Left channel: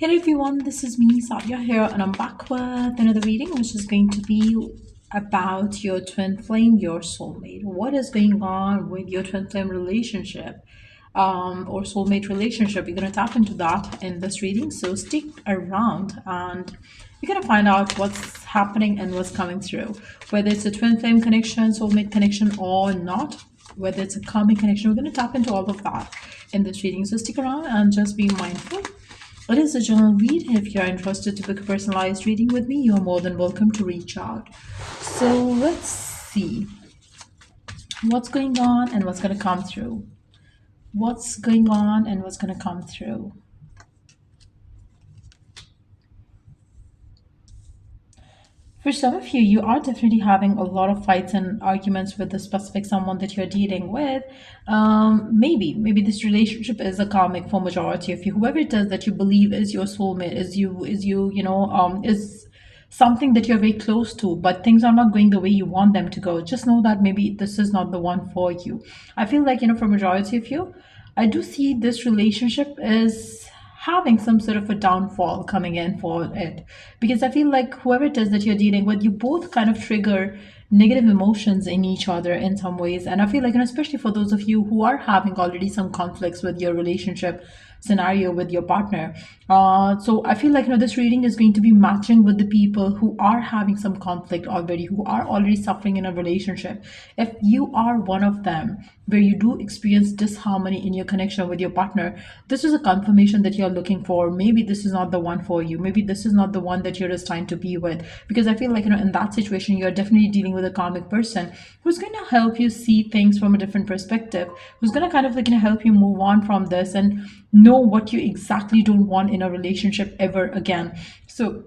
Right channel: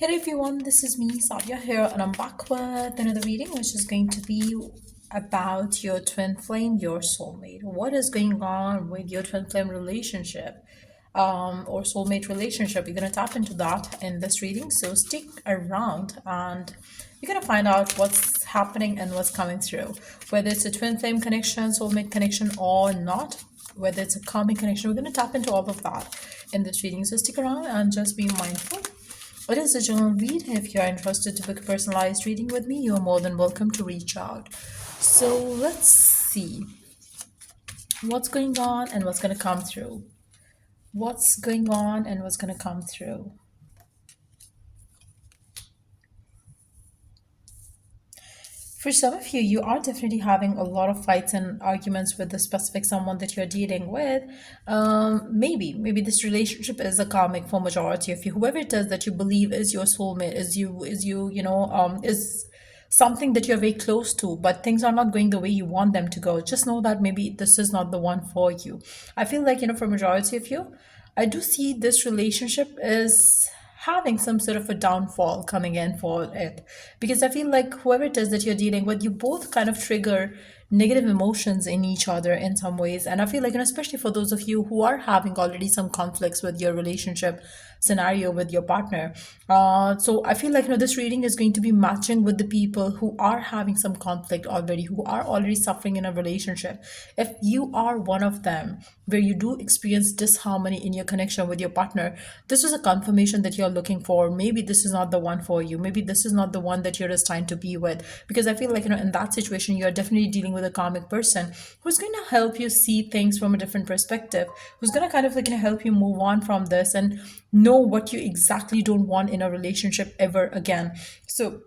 Hello everyone, this is me, Sadia here, and I'm back with another reading, which is going to be about your twin flame, your soulmate. What is going on with your twin flame relationship, or soulmate relationship? You're gonna tap into that in this reading, so stick around and you're gonna find out what's happening and what's coming through, whether it's a twin flame connection, soulmate connection, or not. Whether it's a karmic connection, we're going to tap into all of that in this reading. So stick around and just be mindful. It is a general read. If you're interested to book a personalized reading with me, you're more than welcome to reach out. So let's see what's going on and what's going to come through. What's going on and what's going to come through. For some of you, you are definitely having a lot of fights and arguments with the specific someone that you're dealing with. Maybe this relationship is a karmic for majority of you. Whoever it is that you believe is your soulmate, is something that you're very close to, but things are not going the way you want them to go. Just know that maybe this is not the one for you. I feel like, for majority of you, I do see this relationship is having some sort of a downfall coming in for it, because I feel like whoever it is that you're dealing with, you both kind of trigger negative emotions in each other in some ways. And I feel like, especially for those of you who are having already some conflicts with your relationship scenario with your partner, so I feel like, this reading is going to be matching with the people who are having some conflict already, who are already suffering in a relationship. If you are one of them where you do experience disharmony in your connection with your partner, this is a confirmation that you're looking for. Maybe this is not the one for you. Maybe this is not the one that you're destined to be with. Because I feel like, in that situation, you're definitely dealing with a karmic person who's going to help you see things from a different perspective, who's going to kind of help you move on from this and know what you exactly don't want in a relationship ever again. So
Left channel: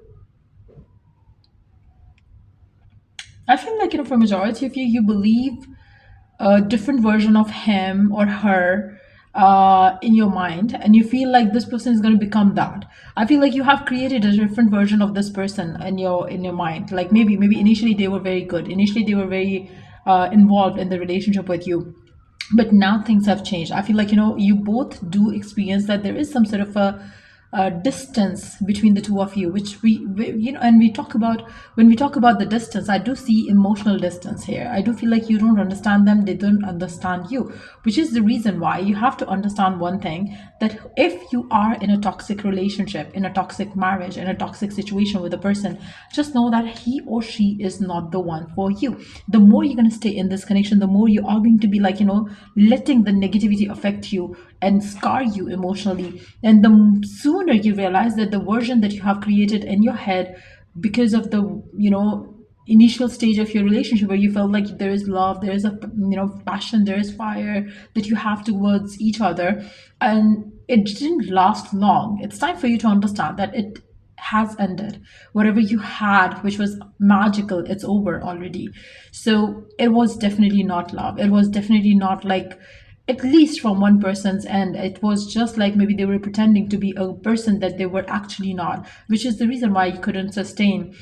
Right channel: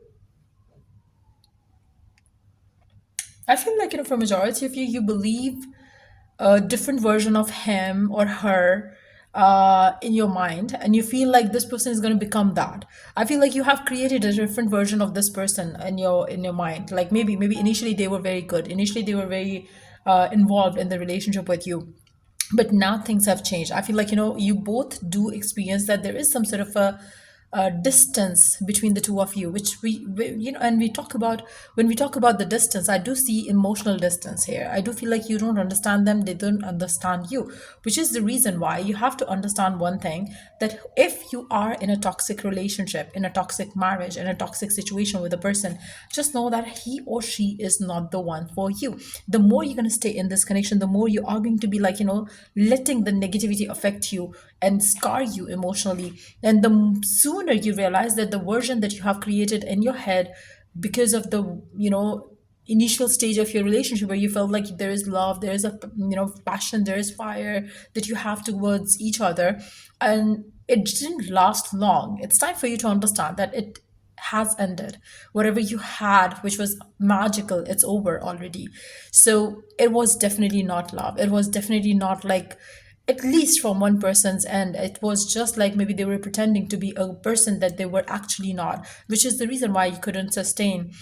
I feel like, for majority of you, you believe a different version of him or her in your mind, and you feel like this person is going to become that. I feel like you have created a different version of this person in your mind. Like maybe initially they were very good, initially they were very involved in the relationship with you, but now things have changed. I feel like, you both do experience that there is some sort of a distance between the two of you, which and we talk about, when we talk about the distance, I do see emotional distance here. I do feel like you don't understand them, they don't understand you, which is the reason why you have to understand one thing, that if you are in a toxic relationship, in a toxic marriage, in a toxic situation with a person, just know that he or she is not the one for you. The more you're going to stay in this connection, the more you are going to be like, letting the negativity affect you and scar you emotionally. And the sooner you realize that the version that you have created in your head, because of the, initial stage of your relationship where you felt like there is love, there is a, passion, there is fire that you have towards each other, and it didn't last long, it's time for you to understand that it has ended. Whatever you had, which was magical, it's over already. So it was definitely not love. It was definitely not like, at least from one person's end, it was just like maybe they were pretending to be a person that they were actually not, which is the reason why you couldn't sustain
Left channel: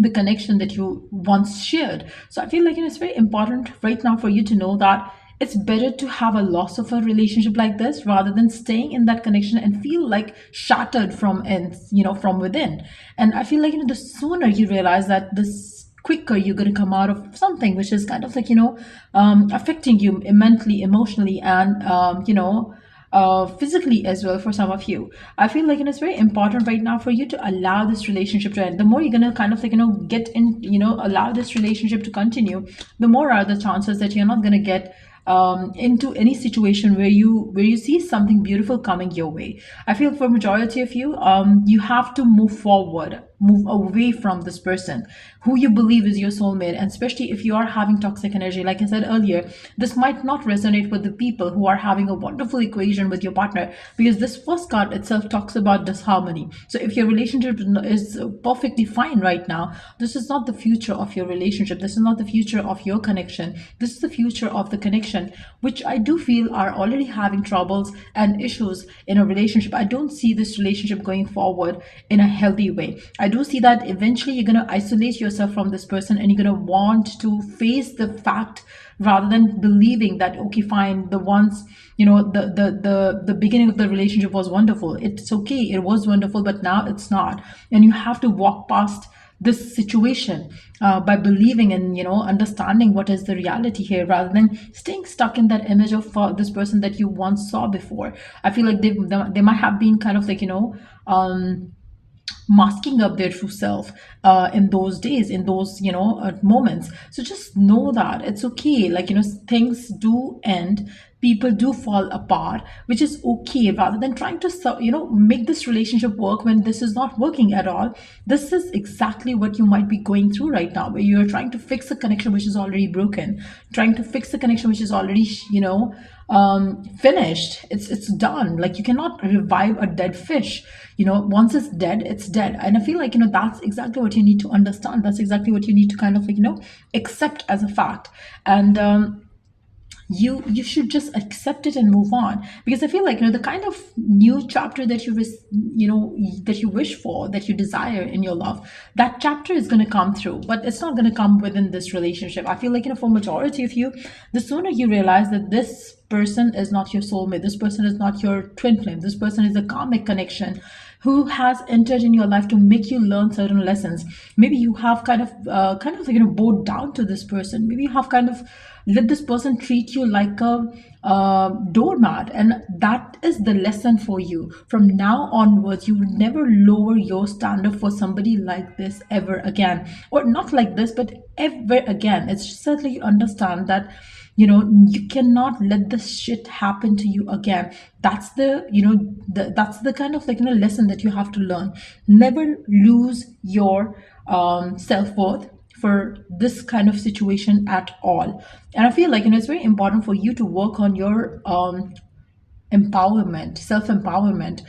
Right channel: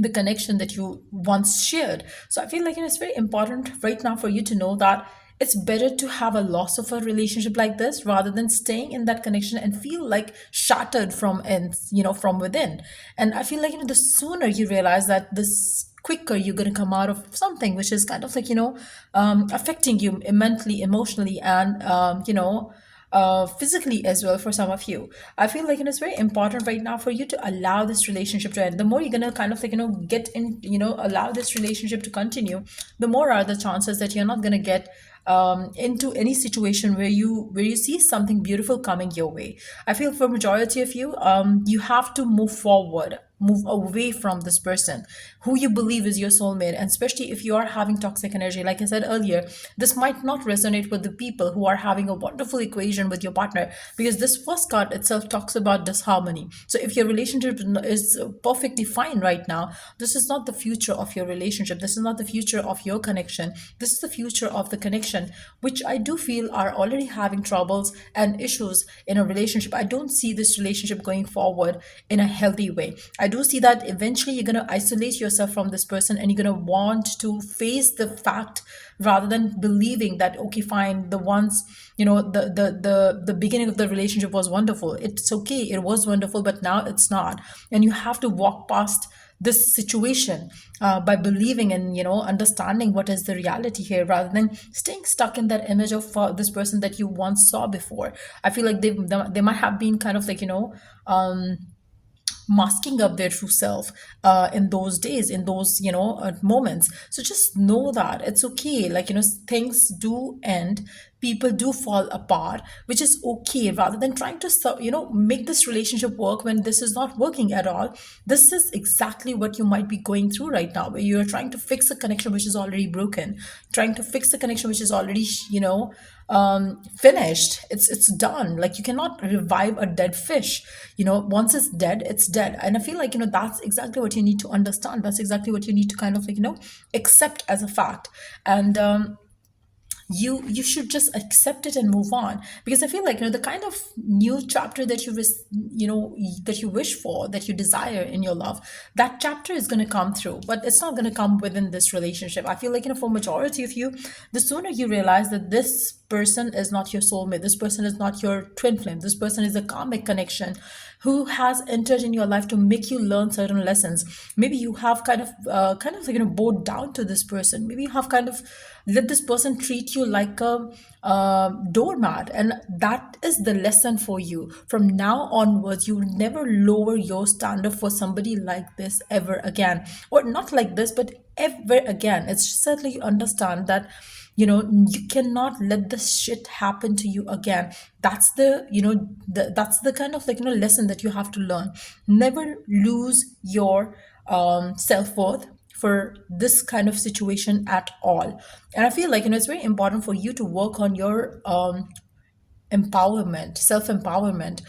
the connection that you once shared. So I feel like, it's very important right now for you to know that it's better to have a loss of a relationship like this rather than staying in that connection and feel like shattered from ends, from within. And I feel like, the sooner you realize that, this quicker you're going to come out of something which is kind of like, affecting you mentally, emotionally, and physically as well for some of you. I feel like, it's very important right now for you to allow this relationship to end. The more you're gonna kind of like, get in, allow this relationship to continue, the more are the chances that you're not gonna get into any situation where you see something beautiful coming your way. I feel for majority of you, you have to move forward, move away from this person who you believe is your soulmate. And especially if you are having toxic energy, like I said earlier, this might not resonate with the people who are having a wonderful equation with your partner, because this first card itself talks about disharmony. So if your relationship is perfectly fine right now, this is not the future of your relationship, this is not the future of your connection, this is the future of the connection, which I do feel are already having troubles and issues in a relationship. I don't see this relationship going forward in a healthy way. I do see that eventually you're going to isolate yourself yourself from this person, and you're going to want to face the fact rather than believing that, okay, fine, the once, the beginning of the relationship was wonderful. It's okay, it was wonderful, but now it's not. And you have to walk past this situation by believing and understanding what is the reality here, rather than staying stuck in that image of this person that you once saw before. I feel like they might have been kind of like masking up their true self in those days, in those moments. So just know that it's okay, like things do end, people do fall apart, which is okay, rather than trying to make this relationship work when this is not working at all. This is exactly what you might be going through right now, where you're trying to fix a connection which is already broken, trying to fix a connection which is already finished. It's done. Like, you cannot revive a dead fish. Once it's dead, it's dead. And I feel like that's exactly what you need to understand. That's exactly what you need to kind of like accept as a fact. And you should just accept it and move on, because I feel like the kind of new chapter that that you wish for, that you desire in your love, that chapter is going to come through, but it's not going to come within this relationship. I feel like for majority of you, the sooner you realize that this person is not your soulmate, this person is not your twin flame, this person is a karmic connection who has entered in your life to make you learn certain lessons. Maybe you have kind of like bowed down to this person. Maybe you have kind of let this person treat you like a doormat, and that is the lesson for you. From now onwards, you will never lower your standard for somebody like this ever again, or not like this, but ever again. It's just that, like, you understand that you cannot let this shit happen to you again. That's that's the kind of like lesson that you have to learn. Never lose your self-worth for this kind of situation at all. And I feel like it's very important for you to work on your empowerment, self empowerment.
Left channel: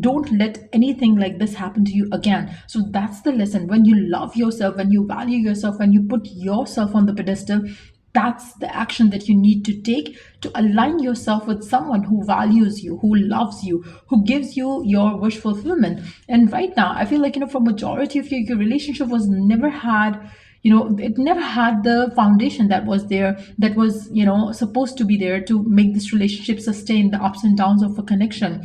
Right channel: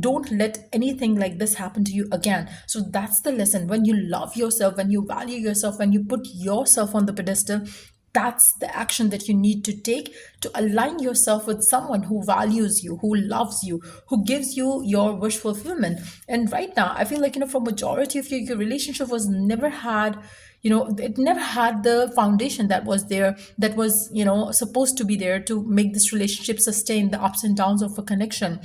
Don't let anything like this happen to you again. So that's the lesson. When you love yourself, when you value yourself, when you put yourself on the pedestal, that's the action that you need to take to align yourself with someone who values you, who loves you, who gives you your wish fulfillment. And right now, I feel like for majority of your relationship was never had, it never had the foundation that was there, that was supposed to be there to make this relationship sustain the ups and downs of a connection.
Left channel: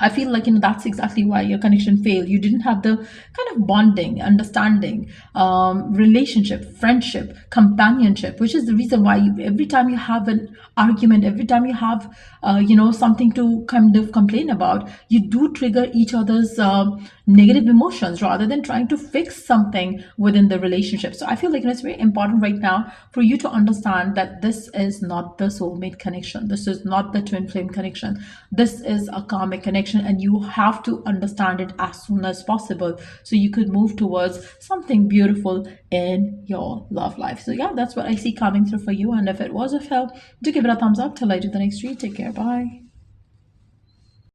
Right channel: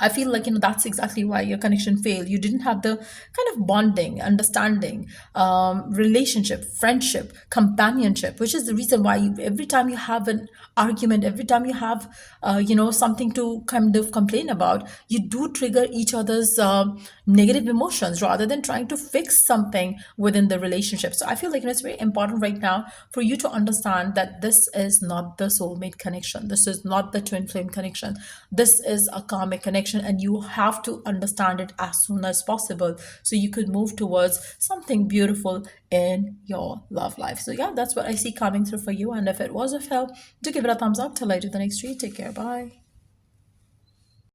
I feel like that's exactly why your connection failed. You didn't have the kind of bonding, understanding, relationship, friendship, companionship, which is the reason why every time you have an argument, every time you have something to kind of complain about, you do trigger each other's negative emotions rather than trying to fix something within the relationship. So I feel like it's very important right now for you to understand that this is not the soulmate connection. This is not the twin flame connection. This is a karmic connection, and you have to understand it as soon as possible so you could move towards something beautiful in your love life. So yeah, that's what I see coming through for you. And if it was of help, do give it a thumbs up. Till I do the next read. Take care. Bye.